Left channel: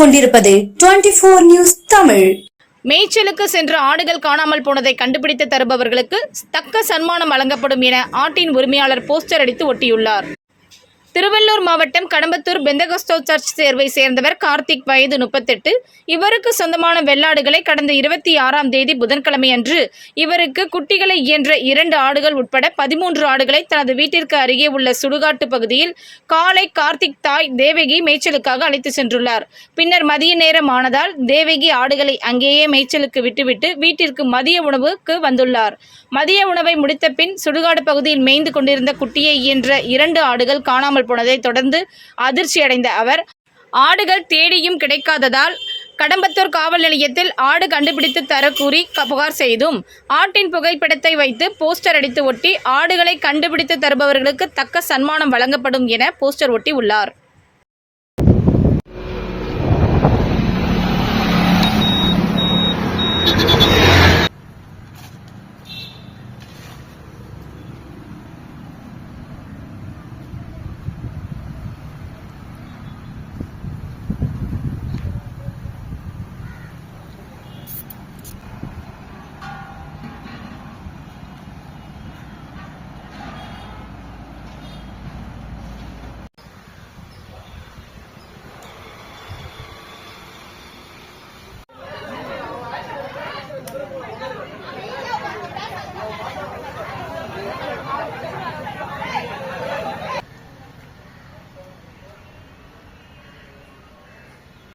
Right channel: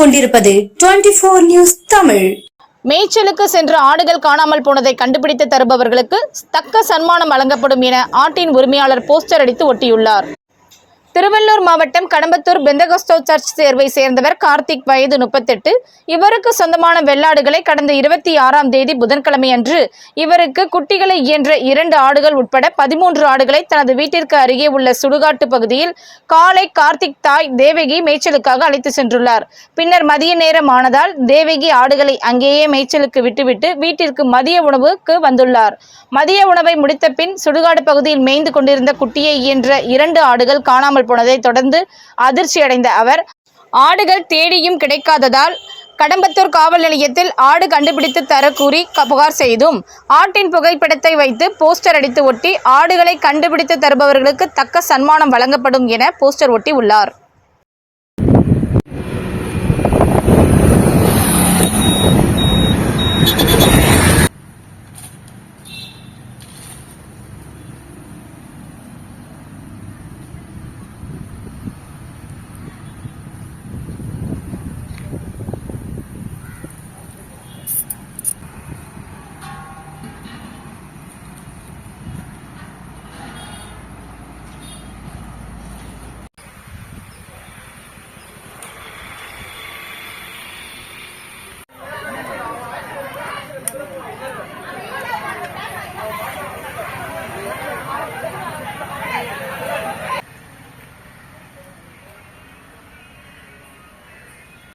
கொண்டிருப்பது 24 நியூஸ் தமிழ். மேய்ச்சலுக்கு சென்ற ஆடுகள் காணாமல் போனதை கண்டுபிடித்து தருபவர்களுக்கு தக்க சன்மானம் வழங்கப்படும் என ஆட்டின் உரிமையாளர் போஸ்டர் அடித்து ஒட்டியுள்ளார். திருவள்ளூர் மாவட்டம் கடம்பத்தூர் பெந்தகோஸ்தே சர்ச் சேர்வை சேர்ந்தவர் கார்த்திக், வயது 38. இவருக்கு சொந்தமான வெள்ளாடுகளை கடந்த 26ஆம் தேதி புதன்கிழமை அன்று இவருக்கு குட்டிகளை ஈன்ற 2 ஆடுகள் உட்பட 13 ஆடுகளை தனது வீட்டிற்கு அருகே உள்ள சுடுகாட்டு பகுதியில் காலை கார்த்திக் தாய் தேவகி மேய்ச்சலுக்காக அழைத்து சென்றுள்ளார். பின்னர் மதிய நேரம் ஆனதால் தேவகி ஆடுகளை அங்கேயே மேய்ச்சலுக்கு விட்டுவிட்டு வீட்டிற்கு மதிய உணவுக்கு வந்துள்ளார். மதிய உணவை முடித்த பின் சுடுகாடு பகுதியில் மேய்ந்து கொண்டிருந்த குட்டியை ஈன்ற 2 ஆடுகள் காணாமல் போனதை தொடர்ந்து அதிர்ச்சி அடைந்த அவர் ஆடுகள் தேடியும் கிடைக்காததால் கடம்பத்தூர் காவல் நிலையத்தில் ஆடு கண்டுபிடித்து தர கூறி புகார் செய்தும் ஆட்டின் புகைப்படத்தை வைத்து போஸ்டர் அடித்து ஒட்டி ஆடுகளை கண்டுபிடித்து தருபவர்களுக்கு தக்க சன்மானம் வழங்கப்படும் என போஸ்டர் ஒட்டி உள்ளார்.